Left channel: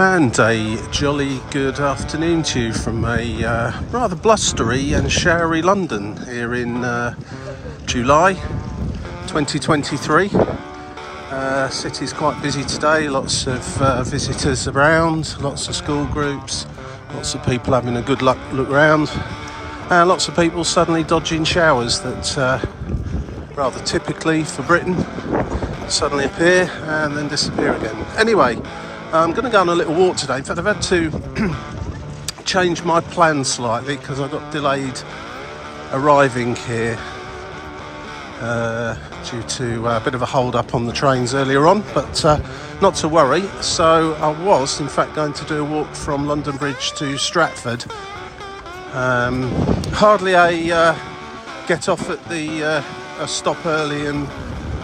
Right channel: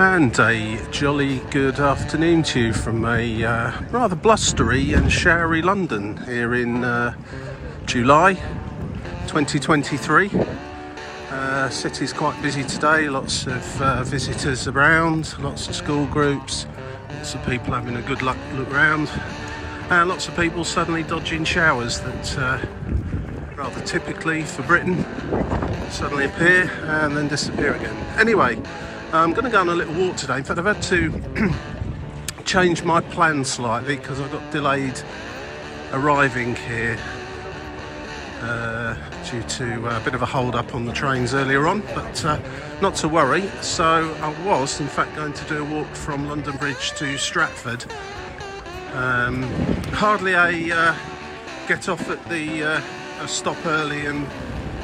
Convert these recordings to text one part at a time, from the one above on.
And a jolly good afternoon to you from a rather blustery and showery London here in July 2023. City's quite busy today, lots of visitors around, lots of school groups, lots of people having a good look round, and lots of people suddenly dodging showers that rather typically for Britain suddenly appear and then disappear again. Anyway, I'm going to go on a little walk today. In fact, I've had to change my plans slightly because I got delayed arriving here due to a bit of a hold up on the trains earlier on, but not to worry. So I was in fact going to do a walk from London Bridge to Stratford. Hardly a get off at the a stop early and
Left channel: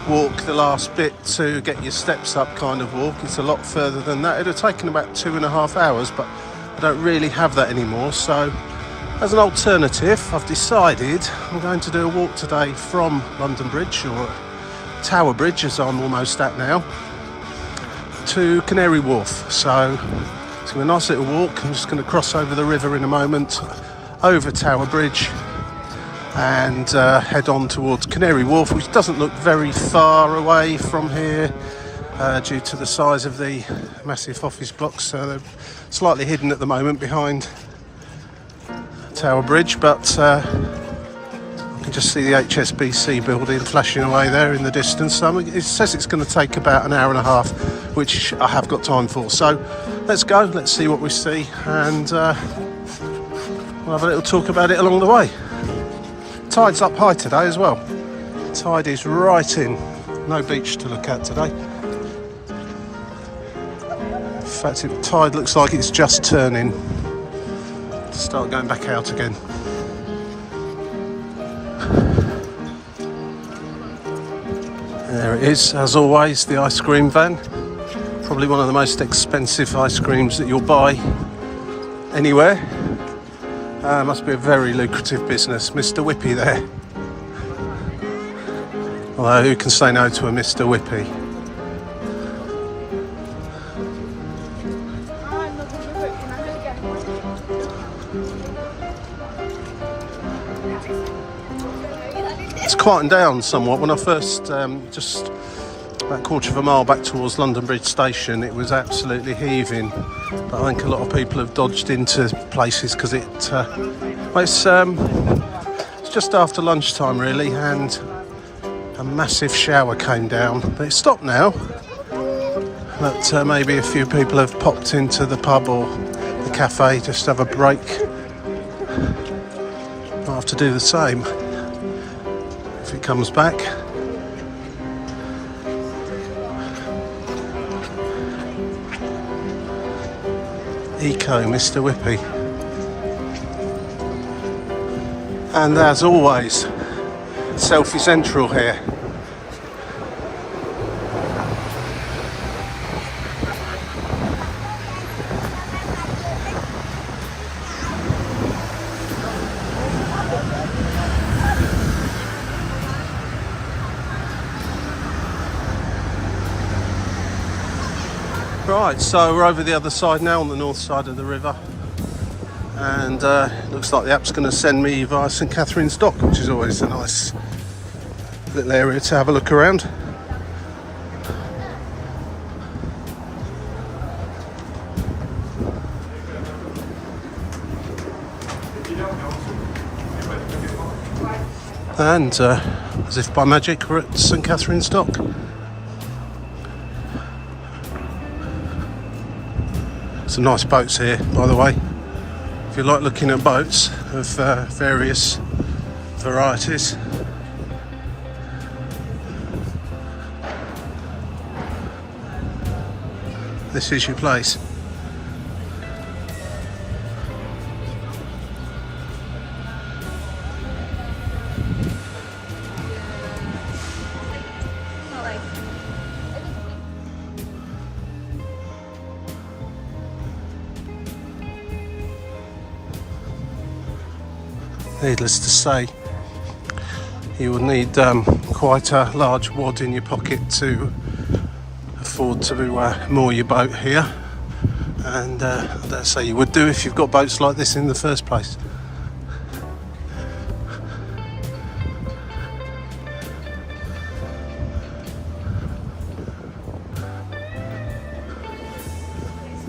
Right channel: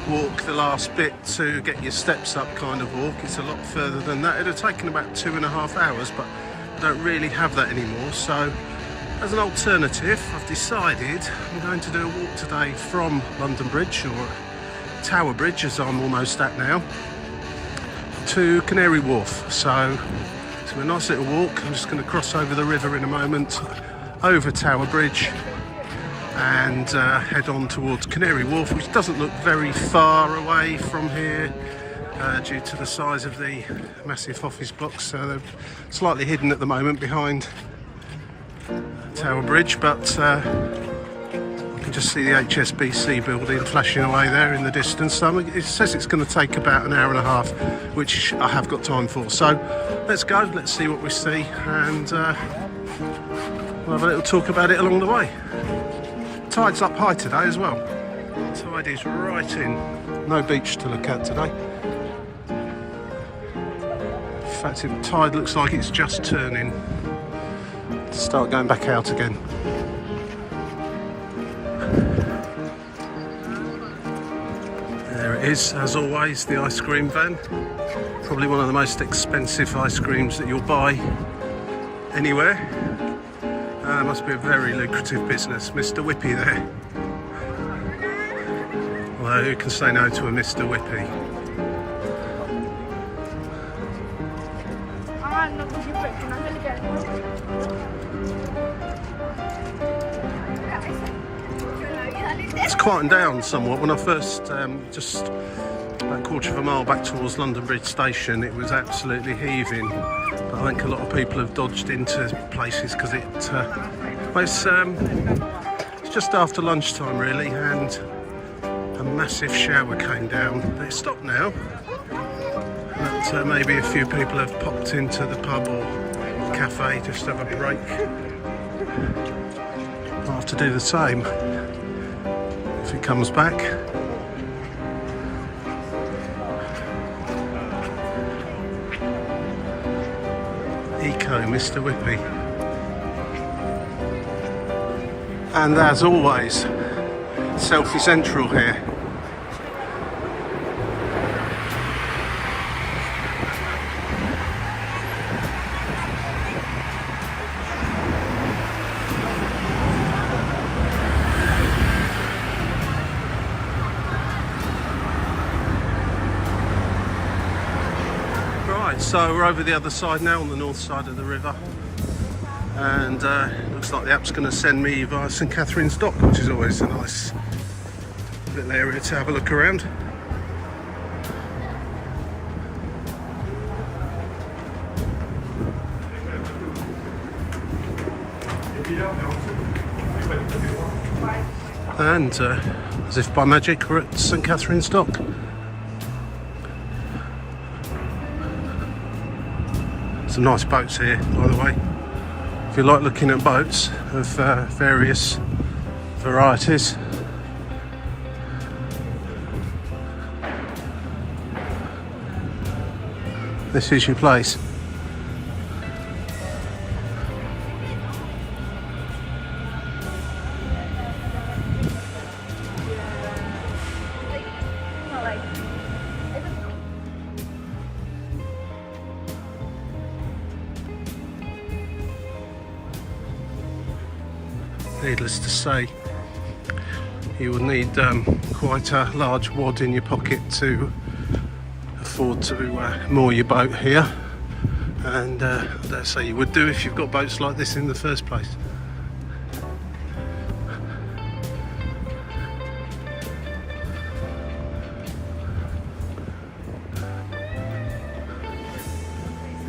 walk the last bit to get your steps up kind of walk. It's a lot further than that. It'd have taken about 2.5 hours, but I don't really have that anymore. So as an alternative, I've decided I'm going to do a walk today from London Bridge, or Tower Bridge as I'm almost at now, to Canary Wharf. So it's a nice little walk. I'm just going to cross over the river in a moment, over Tower Bridge, and head on towards Canary Wharf, which doesn't look very far away from here due to the size of the massive office blocks. So they're slightly hidden at the moment behind Tower Bridge, but I can just see the HSBC building flashing away there in the distance. So it says it's going to take about an hour and a half, which I have got time for. So let's go, let's see what we see, and we'll have a little talk about it along the way. Tide's up high today as well. Tide is right in. No beach to look at today. In fact, the tide looks like it's just turning to start going back out again. There it is, as always, the ice cream van. Probably one of the most expensive ice creams that you'll buy anywhere. Must be a very lucrative business. Mr. Whippy there. Although who can say no to a Mr. Whippy? It's quietened down somewhat. When I first, just about a quarter of a mile back towards London Bridge Station, it was absolutely heaving. But I think a lot of people have dodged into places because it's just after lunchtime really, and a massive shower came down. It's stopped now, but maybe a few people have popped into the pub or the cafe just to have a break. I'll have to do the same if it comes back. Eco Mr. Whippy. And as always, selfie central here. Right, so we're over the other side now, on the north side of the river, and it looks like the app's going to send me via St Catherine's Dock, which is always a nice little area to have a look around. And as if by magic, we're at St Catherine's Dock. Some nice boats here, by the way. If you like looking at boats of various varieties. This is your place. Needless to say, you would need quite a large wad in your pocket to afford to moor your boat here. and I dare say you would do if you've got boats like this in the first place.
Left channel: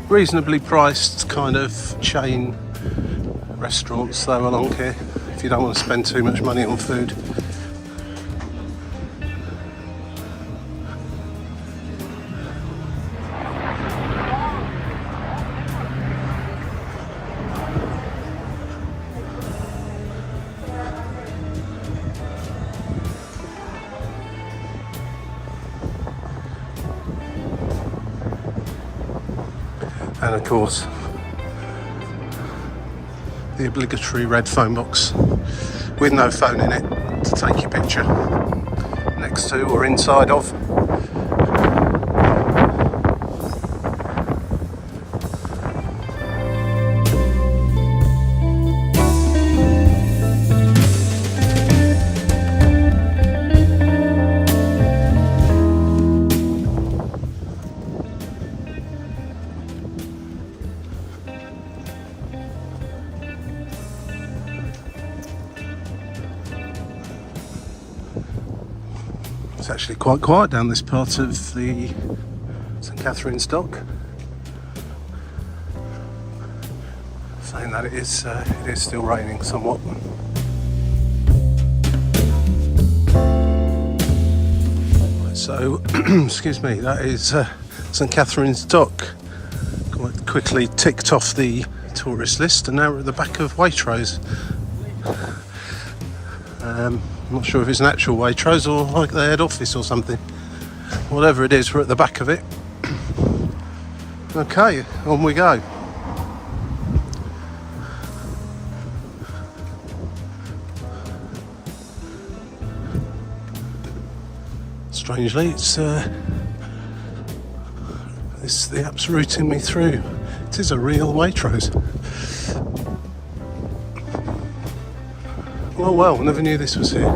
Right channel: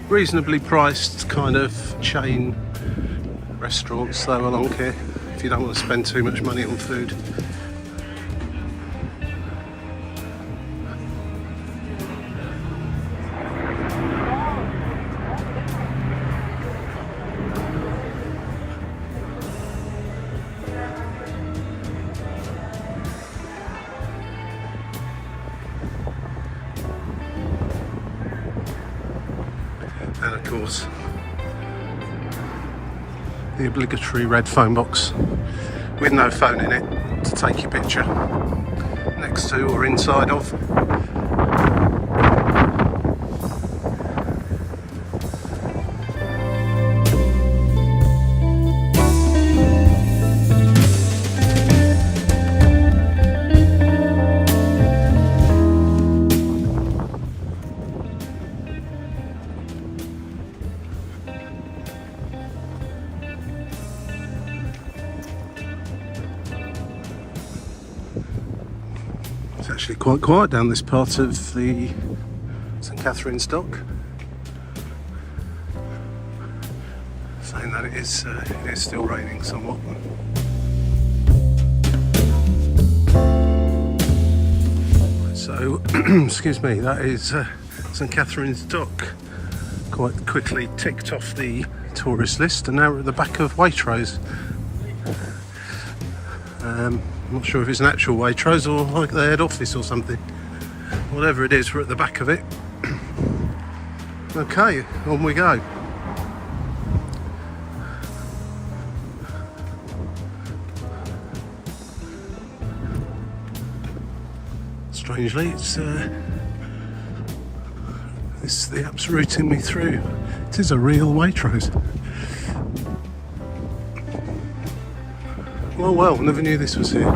Reasonably priced kind of chain restaurants though along here, if you don't want to spend too much money on food. And of course, the obligatory red phone box with no phone in it to take your picture next to or inside of. It's actually quite quiet down this part of the St Catherine's Dock, saying that it is still raining somewhat. So, excuse me, that is St Catherine's Dock. Quite quickly ticked off the tourist list, and now we're at the back of Waitrose. I'm not sure if it's an actual Waitrose or like the head office or something. Whatever it is, we're at the back of it. Okay, on we go. Strangely, the app's routing me through. It is a real Waitrose. Well, never knew this was here.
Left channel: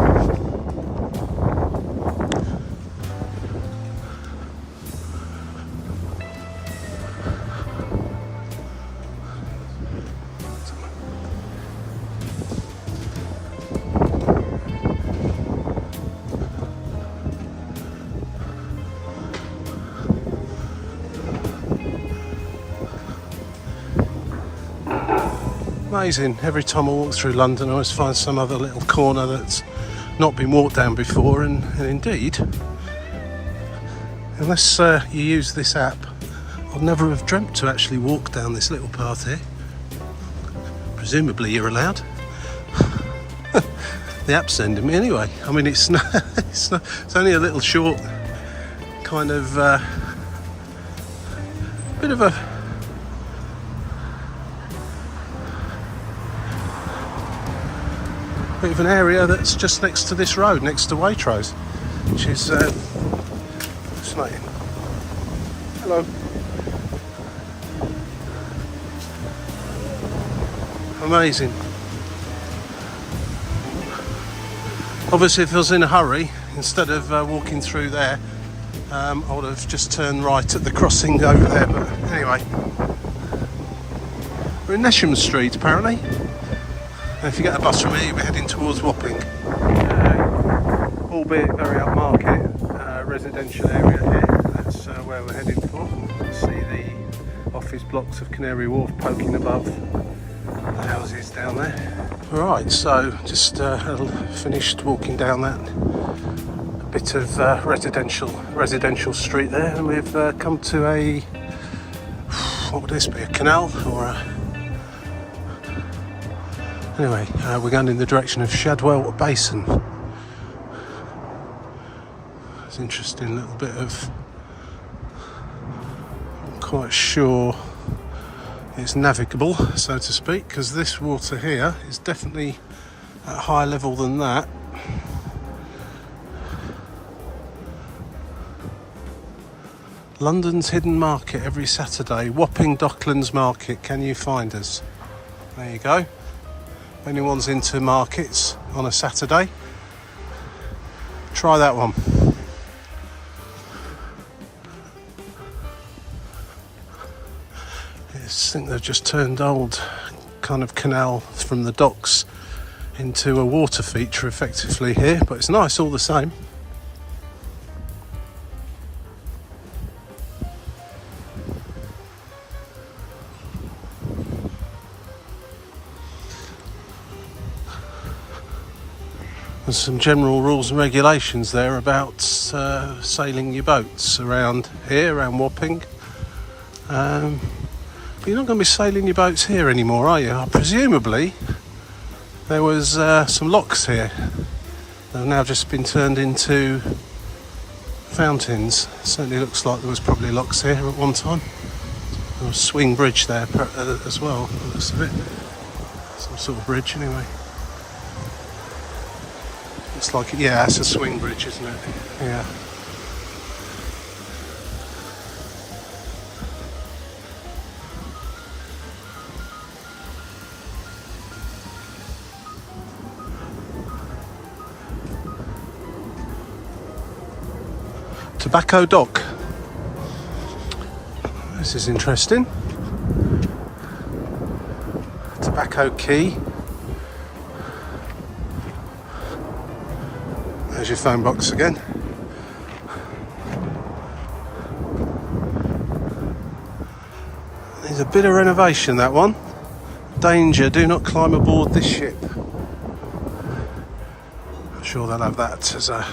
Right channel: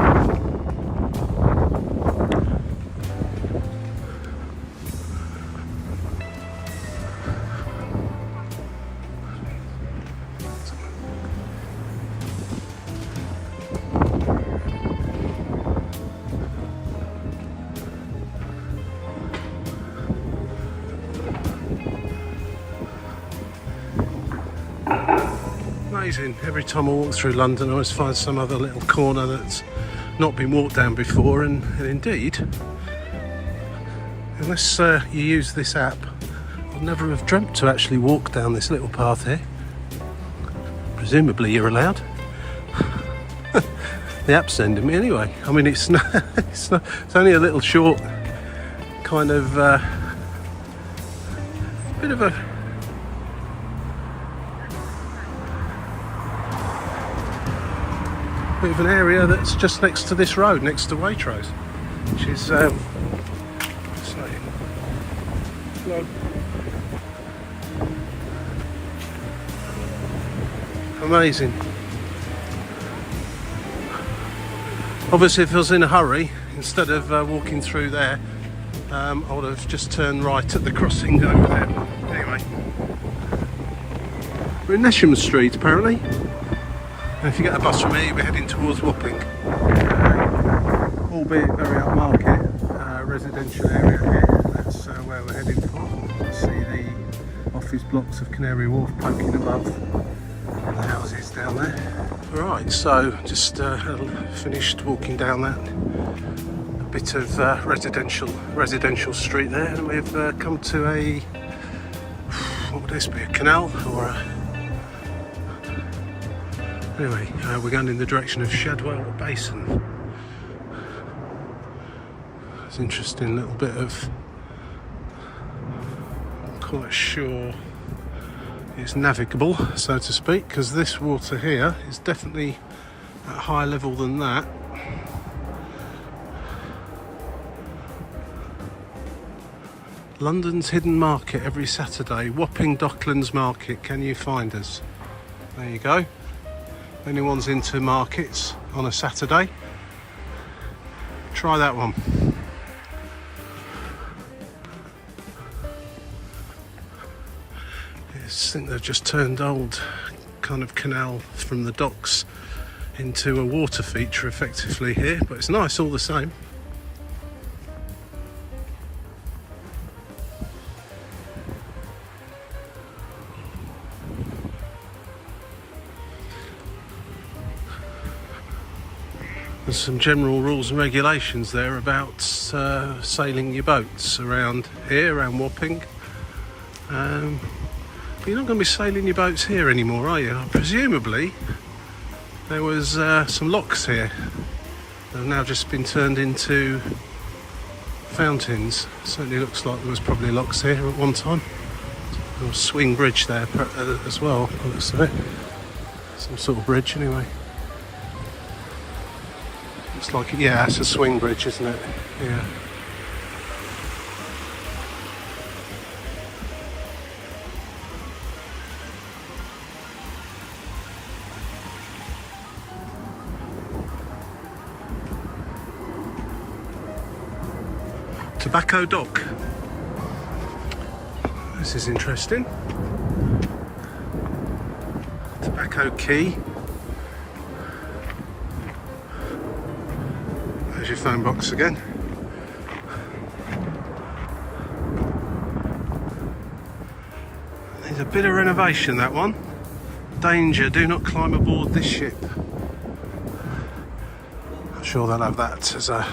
Amazing. Every time I walk through London I always find some other little corner that's not been walked down before, and indeed, unless you use this app, I'd never have dreamt to actually walk down this little path here. Presumably you're allowed. The app's sending me anyway. I mean, it's only a little short kind of bit of a bit of an area that's just next to this road, next to Waitrose, which is fascinating. Hello. Amazing. Obviously, if I was in a hurry, instead of walking through there, I would have just turned right at the crossing over there. But anyway, we're in Nesham Street apparently. And if you get a bus from here, we're heading towards Wapping, albeit very upmarket residential area here. That's where we're heading for. You see the office blocks of Canary Wharf poking above the houses down there. Right, so just finished walking down that bit of residential street there, and we've come to a, what would this be, a canal or a... Anyway, we're going in the direction of Shadwell Basin. It's an interesting little bit of... I'm quite sure it's navigable, so to speak, because this water here is definitely at higher level than that. London's hidden market every Saturday. Wapping Docklands Market. Can you find us? There you go. If anyone's into markets on a Saturday, try that one. Yes, I think they've just turned old kind of canal from the docks into a water feature effectively here, but it's nice all the same. There's some general rules and regulations there about sailing your boats around here, around Wapping. But you're not going to be sailing your boats here anymore, are you? Presumably there was some locks here. They've now just been turned into fountains. Certainly looks like there was probably locks here at one time. There was a swing bridge there as well, by the looks of it. Some sort of bridge anyway. It's like, yeah, it's a swing bridge, isn't it? Yeah. Tobacco Dock. This is interesting. Tobacco Quay. There's your phone box again. Needs a bit of renovation, that one. Danger, do not climb aboard this ship. I'm sure they'll have that as an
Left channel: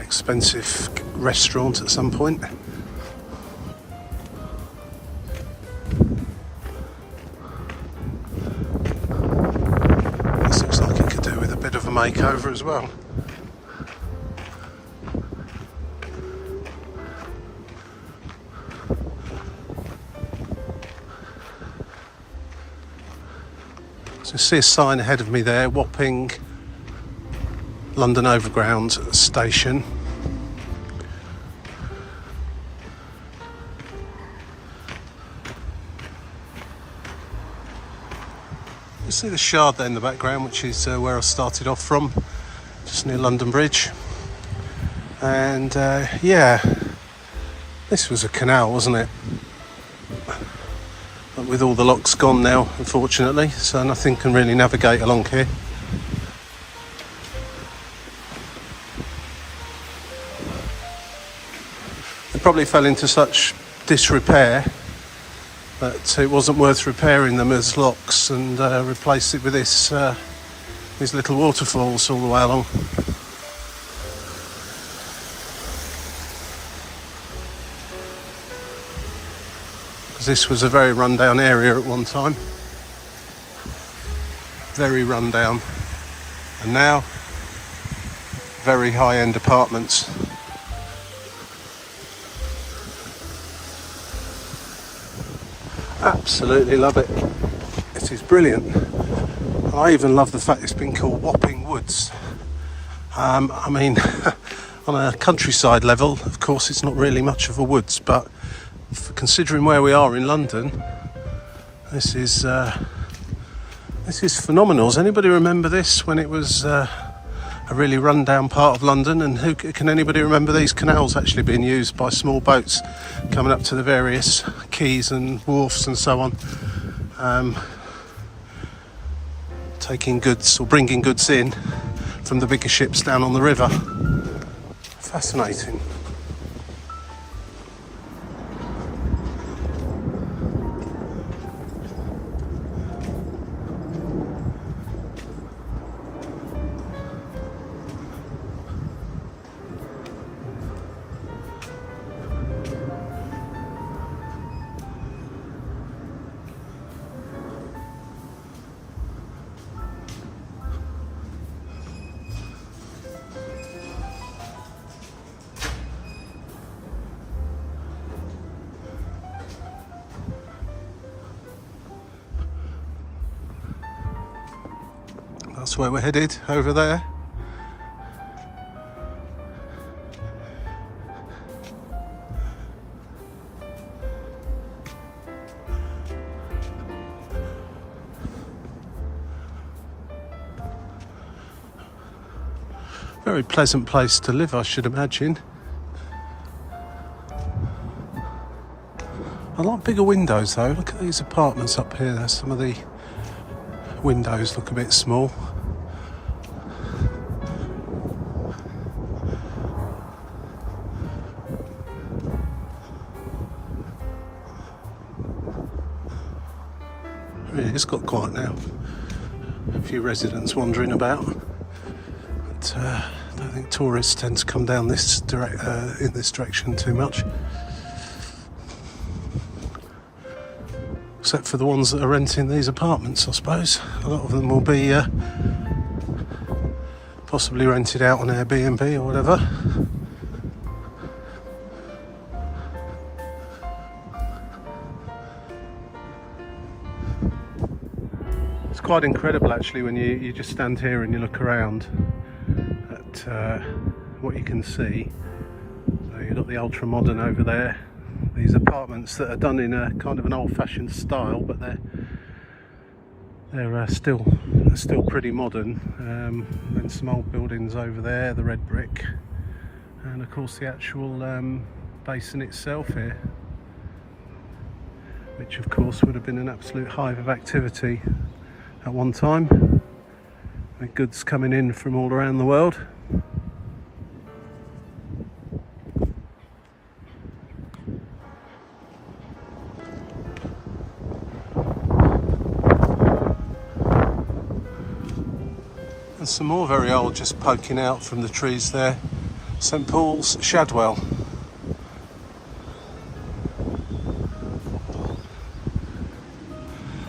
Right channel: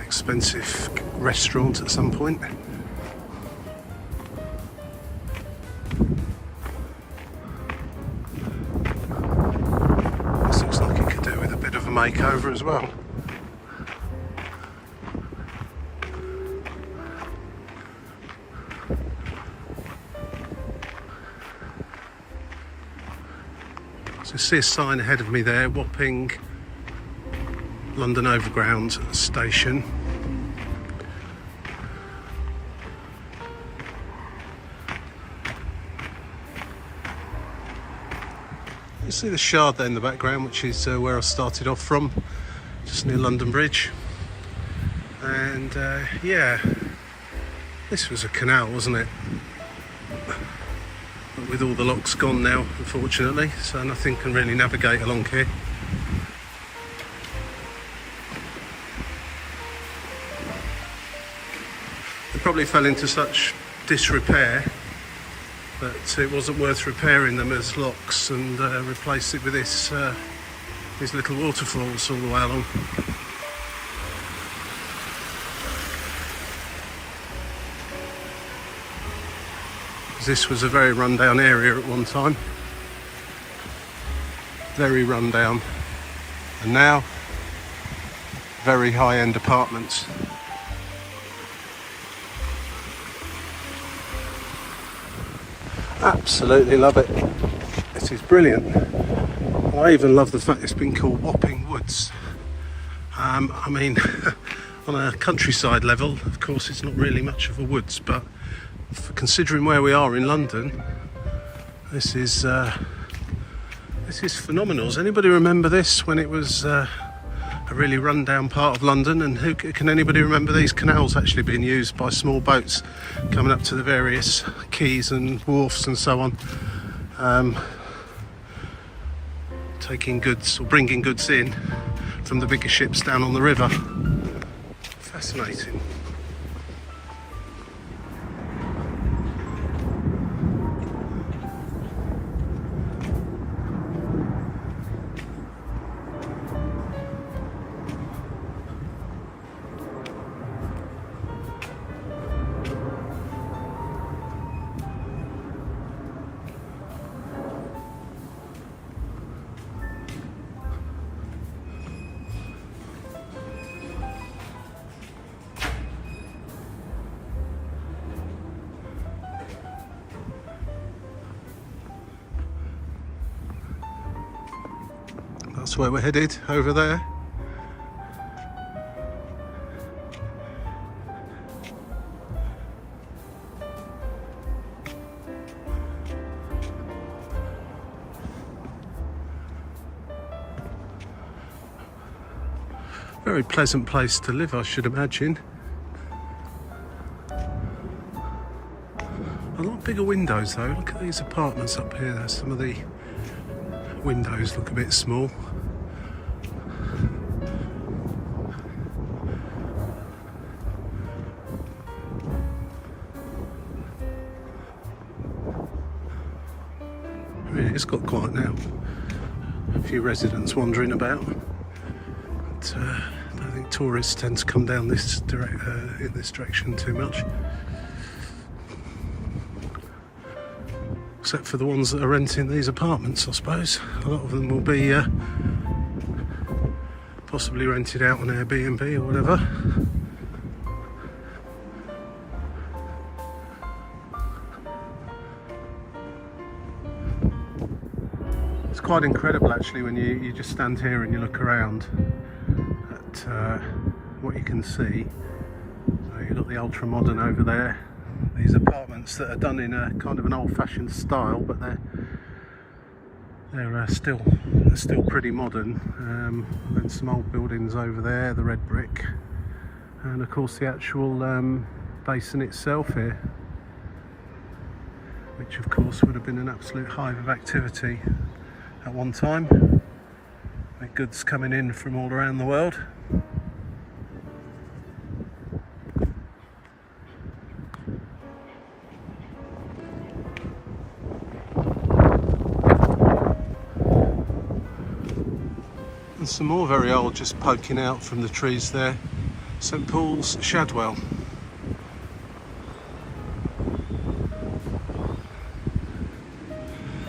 expensive restaurant at some point. This looks like it could do with a bit of a makeover as well. So see a sign ahead of me there, Wapping London Overground Station. You see the Shard there in the background, which is where I started off from, just near London Bridge. And yeah, this was a canal, wasn't it? But with all the locks gone now, unfortunately, so nothing can really navigate along here. They probably fell into such disrepair that it wasn't worth repairing them as locks, and replace it with this these little waterfalls all the way along. This was a very rundown area at one time, very rundown, and now very high-end apartments. Absolutely love it. This is brilliant. I even love the fact it's been called Wapping Woods. I mean, on a countryside level, of course, it's not really much of a woods, but for considering where we are in London, this is phenomenal. Does anybody remember this when it was a really run-down part of London? And can anybody remember these canals actually being used by small boats coming up to the various quays and wharfs and so on, taking goods or bringing goods in from the bigger ships down on the river? Fascinating. That's where we're headed, over there. Very pleasant place to live, I should imagine. A lot bigger windows though. Look at these apartments up here. Some of the windows look a bit small. Yeah, it's got quiet now. A few residents wandering about. But, I don't think tourists tend to come down this in this direction too much. Except for the ones that are renting these apartments, I suppose. A lot of them will be possibly rented out on Airbnb or whatever. It's quite incredible actually when you just stand here and you look around at what you can see. So you've got the ultra modern over there. These apartments that are done in a kind of an old-fashioned style, but they're still pretty modern. Then some old buildings over there, the red brick, and of course the actual basin itself here, which of course would have been an absolute hive of activity at one time, with goods coming in from all around the world. And some more very old just poking out from the trees there. St Paul's, Shadwell.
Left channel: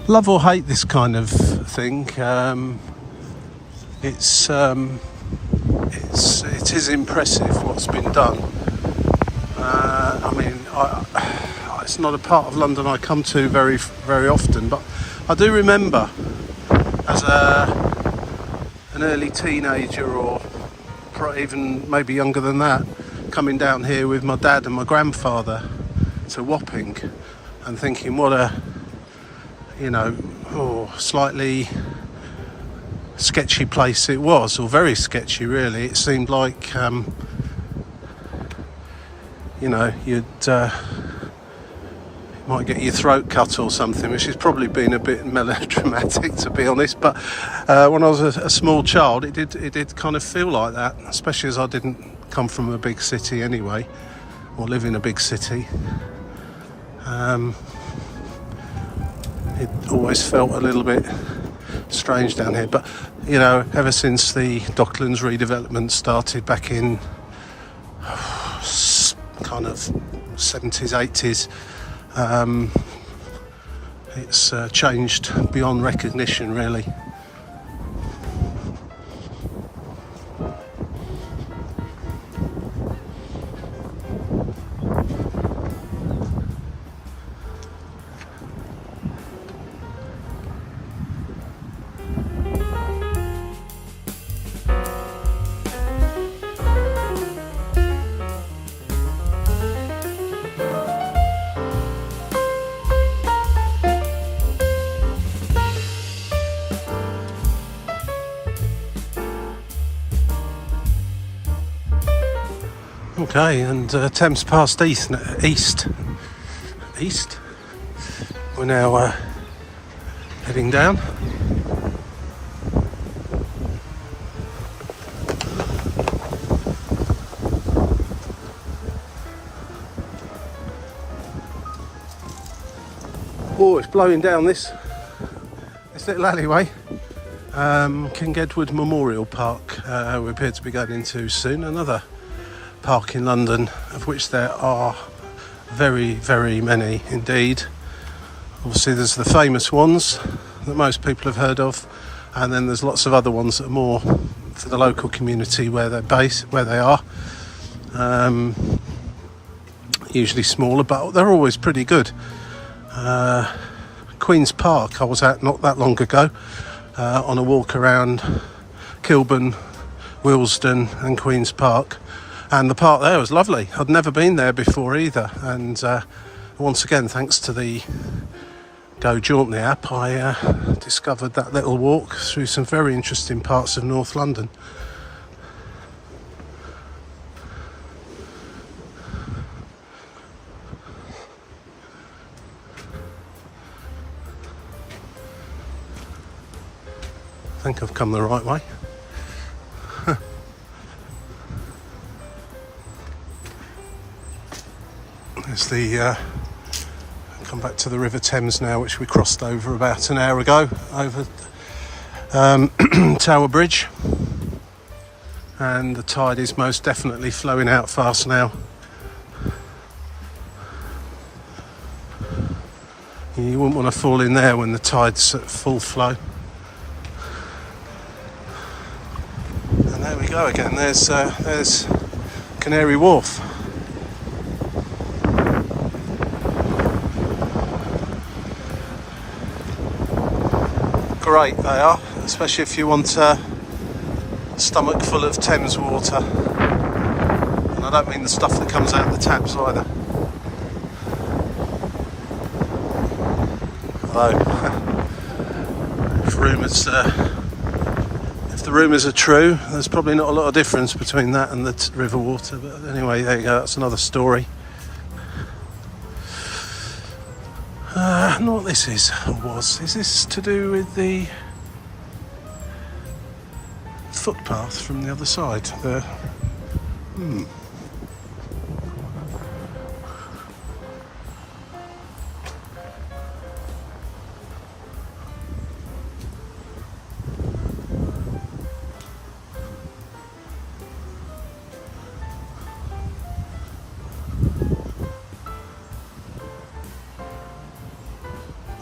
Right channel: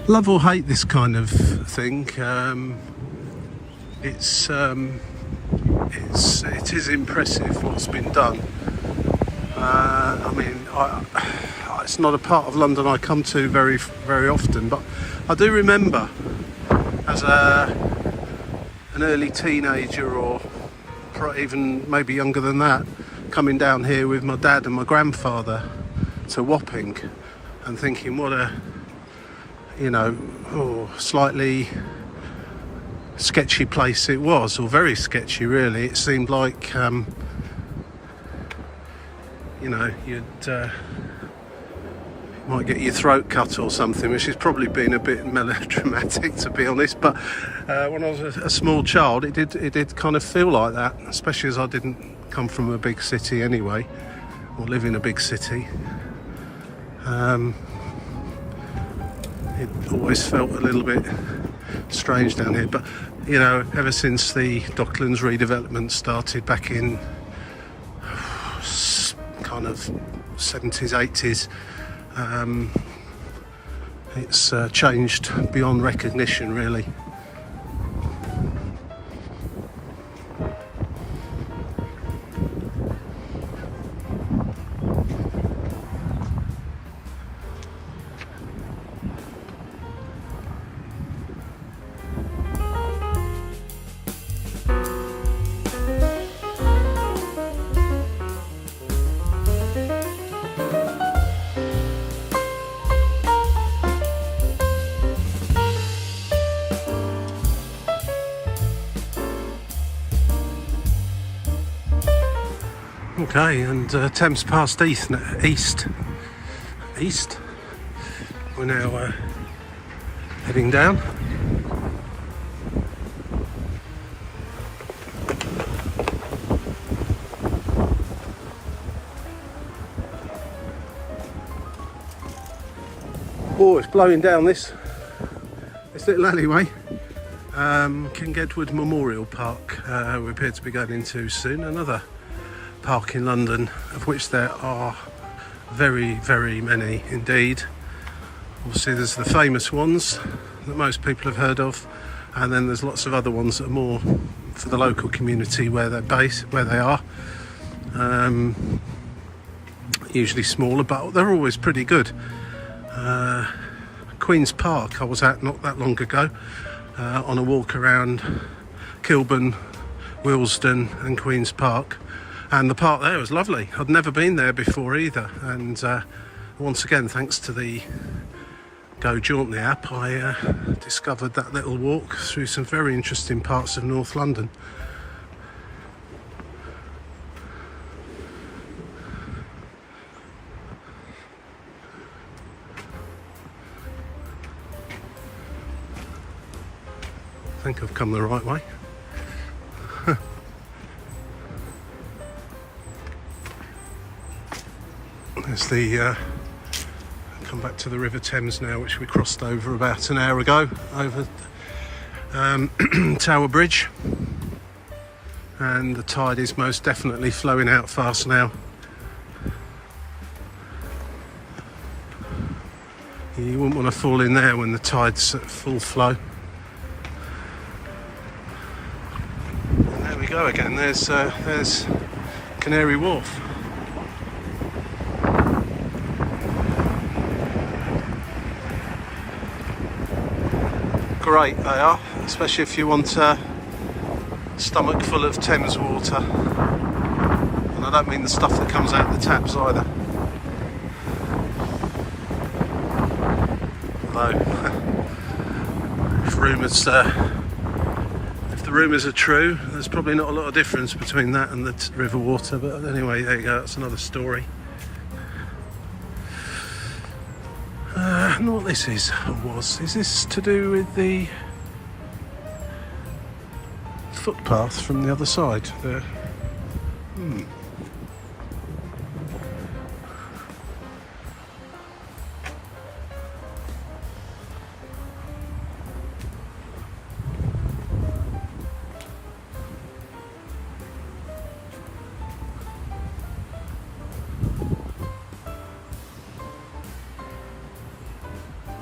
Love or hate this kind of thing. It is impressive what's been done. I mean, it's not a part of London I come to very, very often, but I do remember as an early teenager, or even maybe younger than that, coming down here with my dad and my grandfather to Wapping and thinking what a, slightly sketchy place it was, or very sketchy really. It seemed like you might get your throat cut or something, which has probably been a bit melodramatic to be honest, but when I was a small child it did kind of feel like that, especially as I didn't come from a big city anyway, or live in a big city. It always felt a little bit strange down here, but ever since the Docklands redevelopment started back in kind of 70s, 80s, it's changed beyond recognition really. Okay, and Thames Path East. We're now heading down. Oh, it's blowing down this little alleyway. King Edward Memorial Park we appear to be going into soon. Another park in London, of which there are very, very many indeed. Obviously there's the famous ones that most people have heard of, and then there's lots of other ones that are more for the local community where they're based, where they are. Usually smaller, but they're always pretty good. Queen's Park I was at not that long ago, on a walk around Kilburn, Willesden and Queen's Park, and the park there was lovely. I'd never been there before either, and once again thanks to the Go Jauntly app I discovered that little walk through some very interesting parts of North London. think I've come the right way. There's the come back to the River Thames now, which we crossed over about an hour ago, over Tower Bridge, and the tide is most definitely flowing out fast now. You wouldn't want to fall in there when the tide's at full flow. And there we go again, there's Canary Wharf. Great they are, especially if you want a stomach full of Thames water. And I don't mean the stuff that comes out of the taps either. Although, if the rumours are true, there's probably not a lot of difference between that and the river water. But anyway, there you go, that's another story. I don't know what this is, or was. Is this to do with the footpath from the other side there?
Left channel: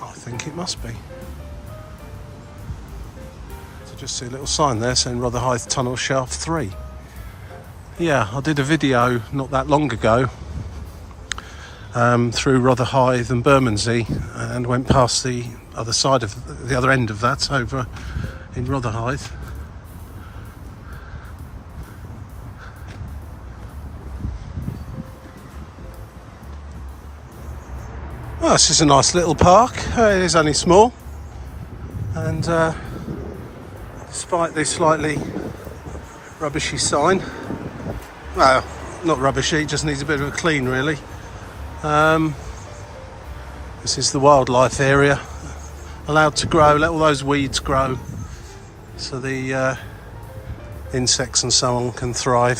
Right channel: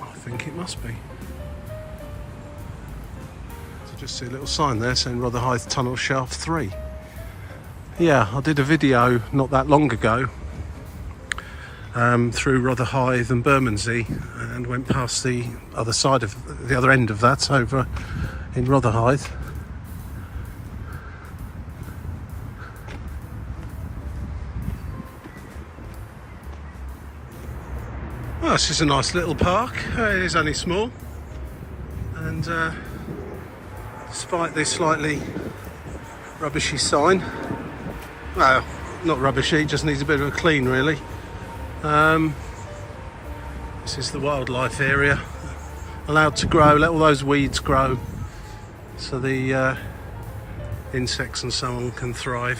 I think it must be. So just see a little sign there saying Rotherhithe Tunnel Shaft 3. Yeah, I did a video not that long ago through Rotherhithe and Bermondsey, and went past the other side of the other end of that over in Rotherhithe. Well, this is a nice little park. It is only small, and despite this slightly rubbishy sign, well, not rubbishy, it just needs a bit of a clean really. This is the wildlife area, allowed to grow, let all those weeds grow so the insects and so on can thrive.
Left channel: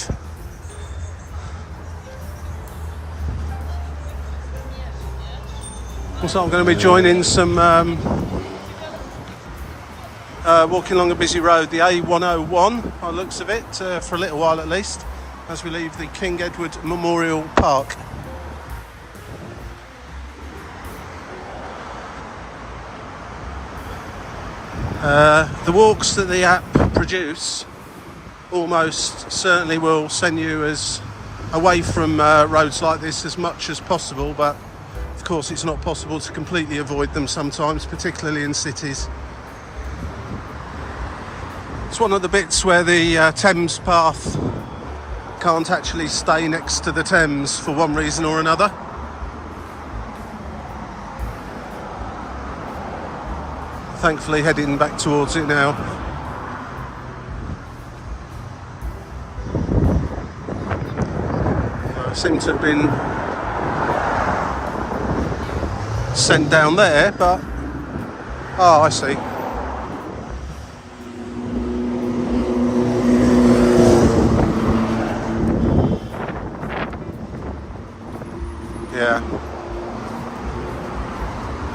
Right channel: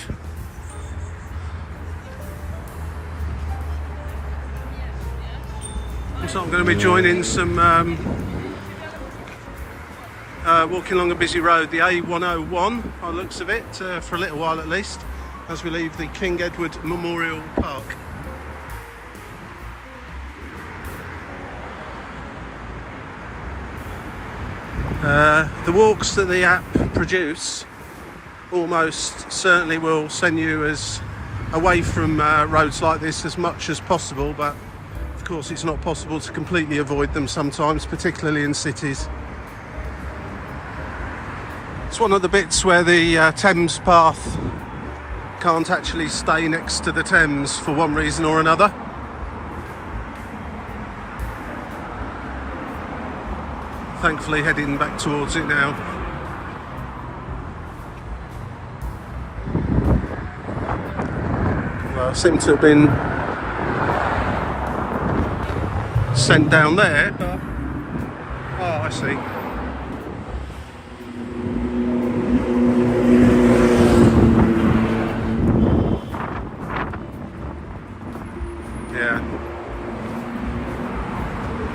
So I'm going to be joining some walking along a busy road, the A101 by the looks of it, for a little while at least, as we leave the King Edward Memorial Park. The walks that the app produce almost certainly will send you as away from roads like this as much as possible, but of course it's not possible to completely avoid them sometimes, particularly in cities. It's one of the bits where the Thames Path can't actually stay next to the Thames for one reason or another. Thankfully heading back towards it now. Well, I seem to have been sent down there, but oh, I see. Yeah.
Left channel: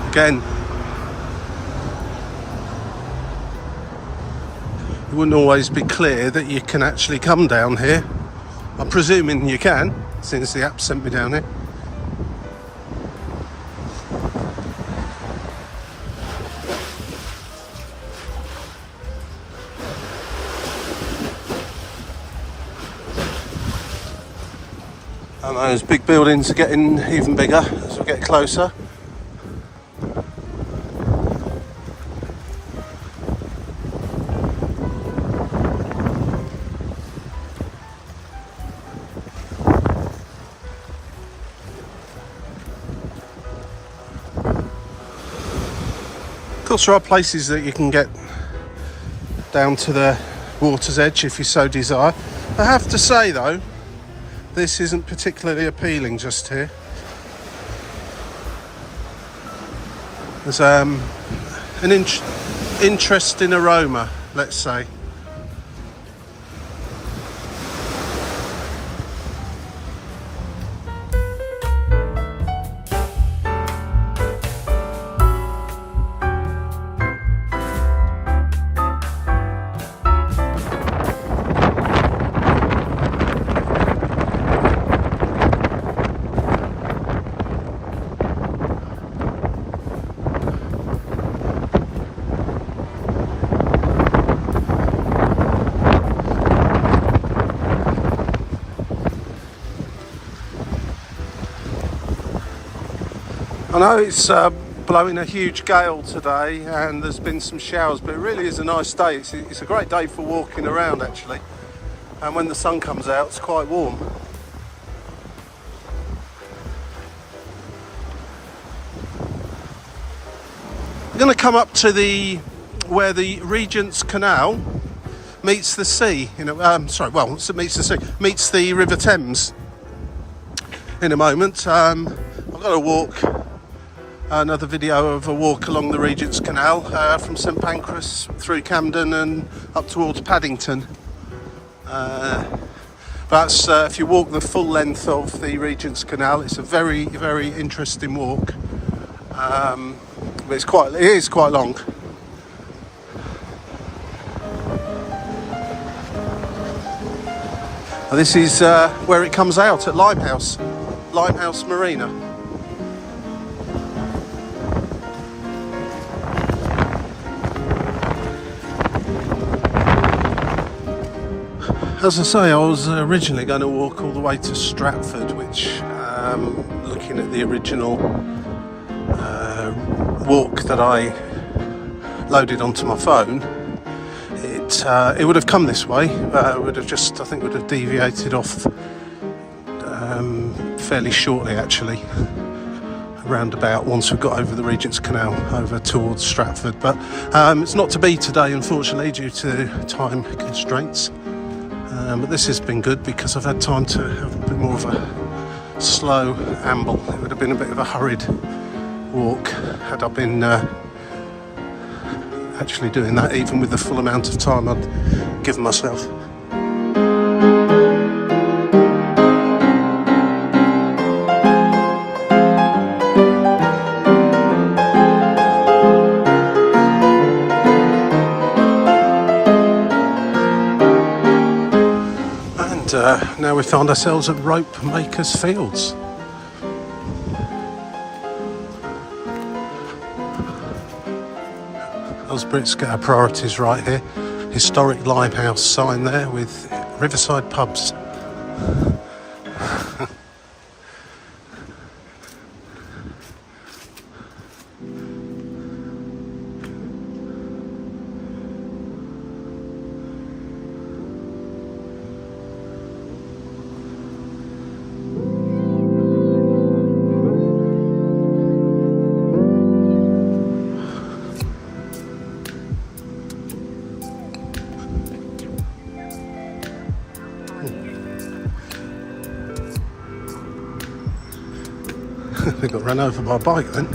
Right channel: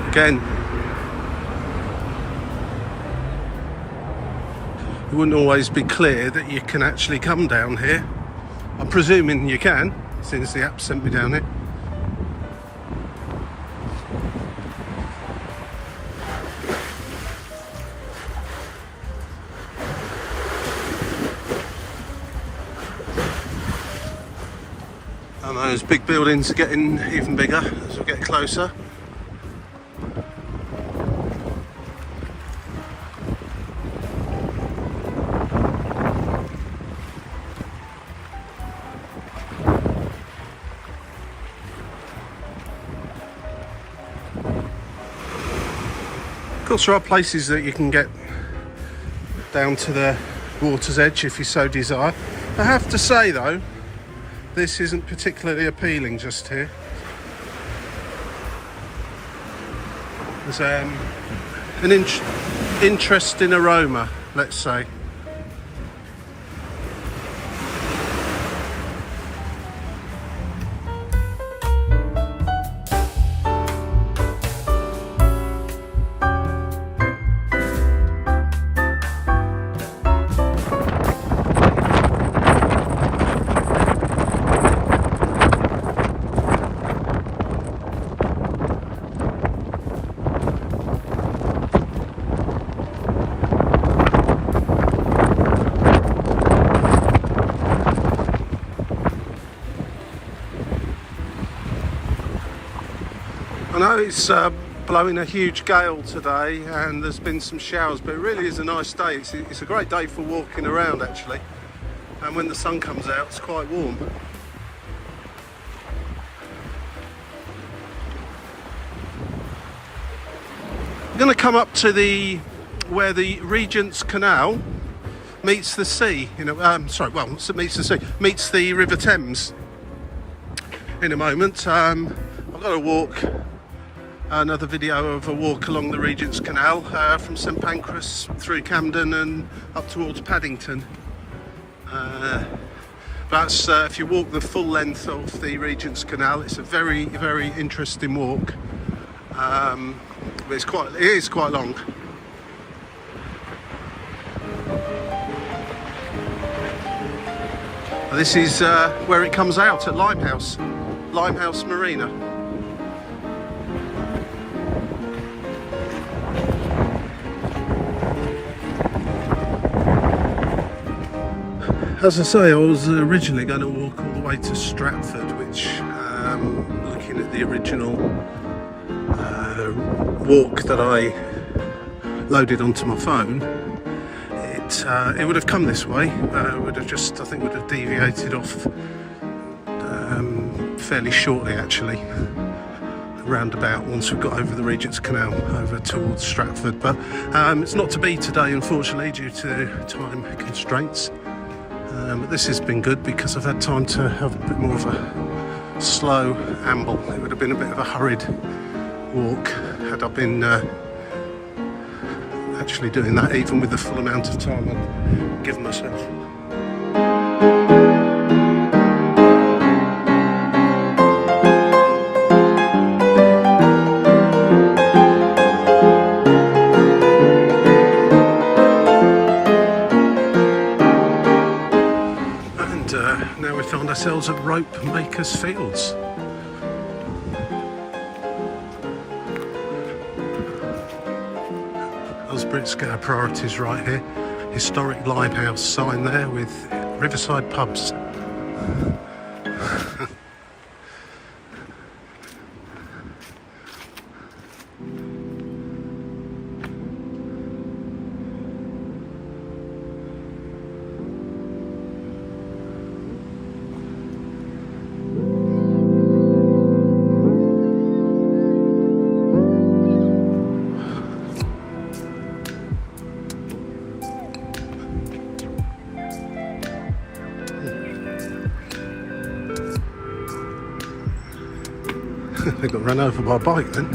Again, it wouldn't always be clear that you can actually come down here. I'm presuming you can, since the app sent me down here. And those big buildings are getting even bigger as we get closer. Of course, there are places that you can get down to the water's edge if you so desire. I have to say though, this isn't particularly appealing just here. There's an interesting aroma let's say. I know it's blowing a huge gale today and there's been some showers, but it really is a nice day. It's a great day for walking around actually, and when the sun comes out it's quite warm. We're going to come up to where the Regent's Canal meets the sea, meets the River Thames in a moment. I've got to walk another video of a walk along the Regent's Canal from St Pancras through Camden and up towards Paddington. That's if you walk the full length of the Regent's Canal, it's a very, very interesting walk. But it is quite long. This is where it comes out at Limehouse Marina. As I say, I was originally going to walk all the way to Stratford, which, looking at the original walk that I loaded onto my phone, it would have come this way. I think would have deviated off fairly shortly actually, around about once we've got over the Regent's Canal over towards Stratford, but it's not to be today unfortunately due to time constraints. But this has been good because I've had time to have a bit more of a slow amble. It would have been a bit of a hurried walk had I been actually doing that, even with the full amount of time I'd given myself. Now we found ourselves at Rope Makers Fields. Those Brits get our priorities right here. Historic Limehouse sign there with riverside pubs. They got run over by a bike then.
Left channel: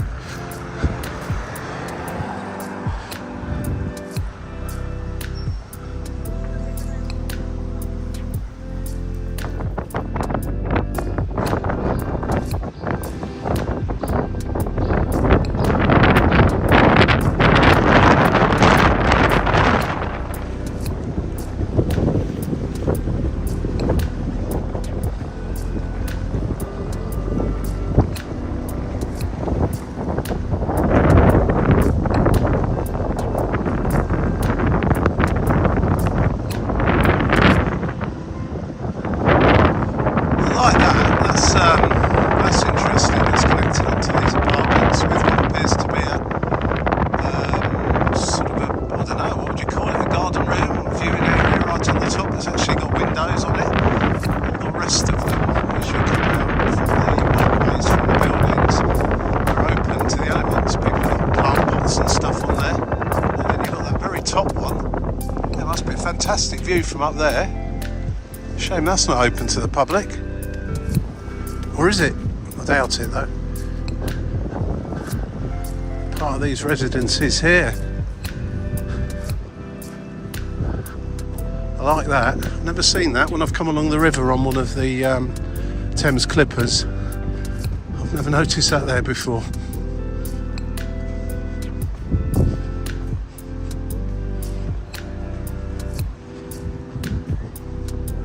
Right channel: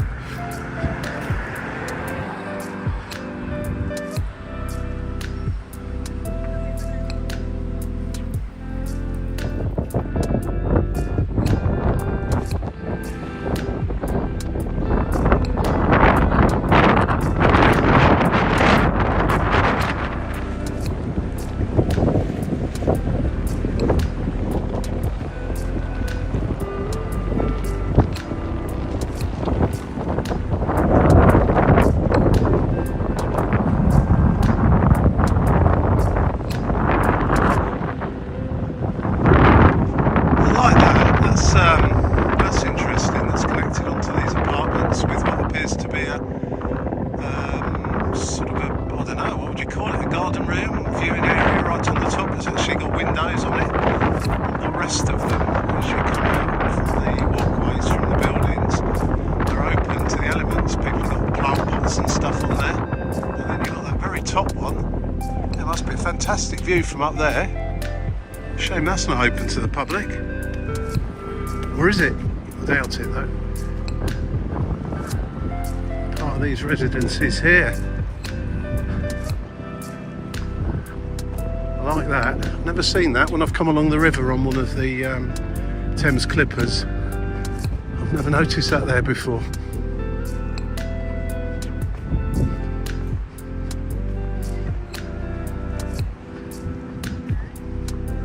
That's interesting. It's connected up to these apartments with what appears to be a sort of a, I don't know, what would you call it, a garden room, viewing area right on the top. It's actually got windows on it. All the rest of them, as you come out from the walkways from the buildings, are open to the elements. People have got plant pots and stuff on there. And then you've got that very top one. There must be a fantastic view from up there. Shame that's not open to the public. Or is it? I doubt it though. Part of these residences here. I like that. Never seen that when I've come along the river on one of the Thames Clippers. I've never noticed that there before.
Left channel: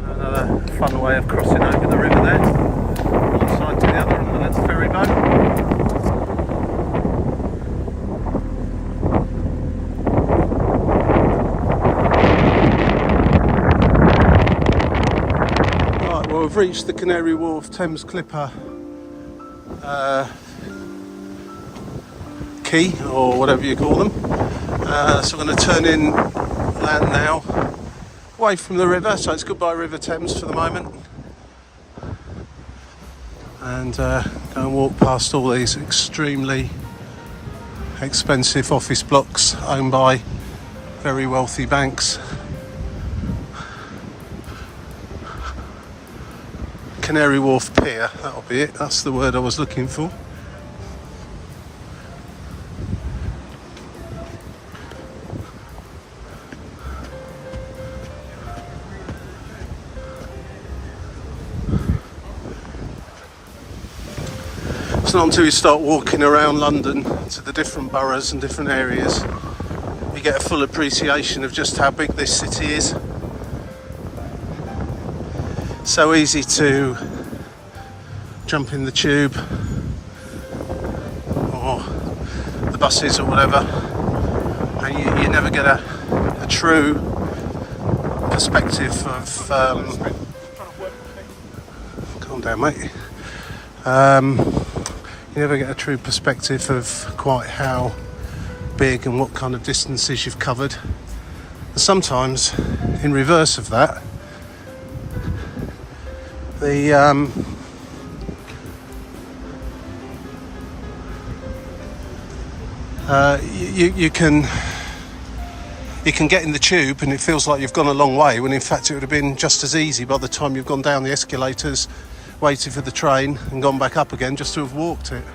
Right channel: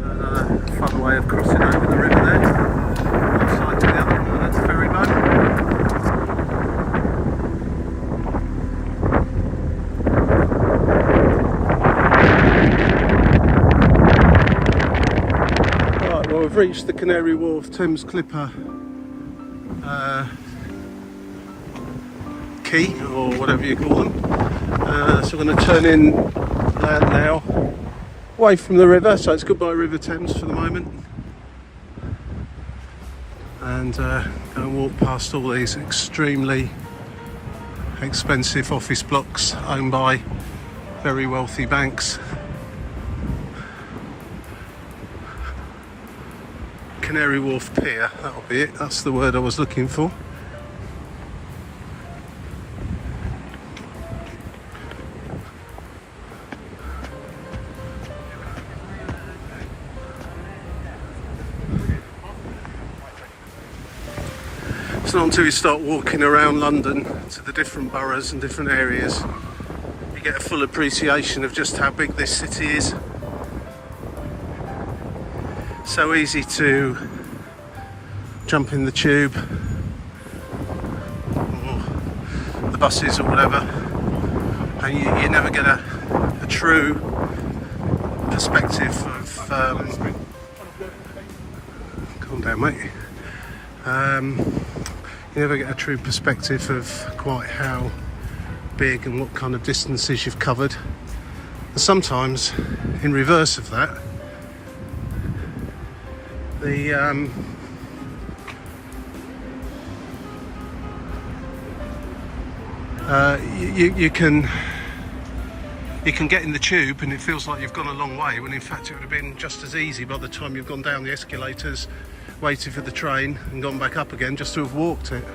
Another fun way of crossing over the river there, one side to the other on that ferry boat. Right, well, we've reached the Canary Wharf Thames Clipper quay, or whatever you call them. So we're going to turn in land now, away from the river, so it's goodbye River Thames for the moment, and go and walk past all these extremely expensive office blocks owned by very wealthy banks. Canary Wharf Pier, that'll be it, that's the word I was looking for. It's not until you start walking around London to the different boroughs and different areas you get a full appreciation of just how big this city is. So easy to jump in the tube or the buses or whatever, and you never get a true perspective of calm down, mate. You never get a true perspective of quite how big and what kind of distances you've covered. And sometimes, in reverse of that, you can get in the tube and it feels like you've gone a long way, when in fact it would have been just as easy by the time you've gone down the escalators, waited for the train and gone back up again, just to have walked it.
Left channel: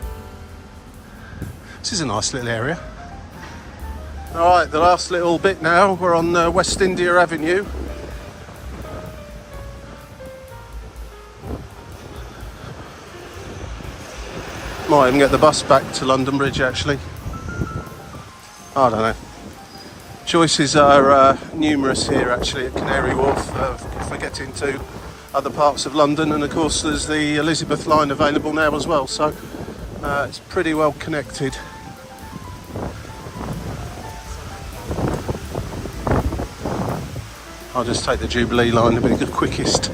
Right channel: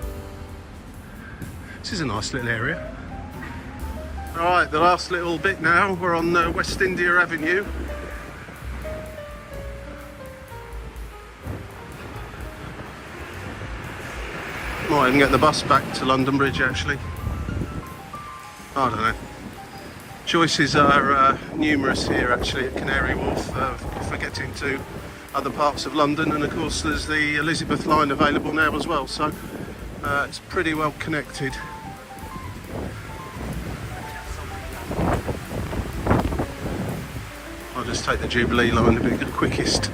This is a nice little area. Alright, the last little bit now, we're on West India Avenue. Might even get the bus back to London Bridge actually. I don't know. Choices are numerous here actually at Canary Wharf for getting to other parts of London, and of course there's the Elizabeth line available now as well, so it's pretty well connected. I'll just take the Jubilee line, it'll be the quickest.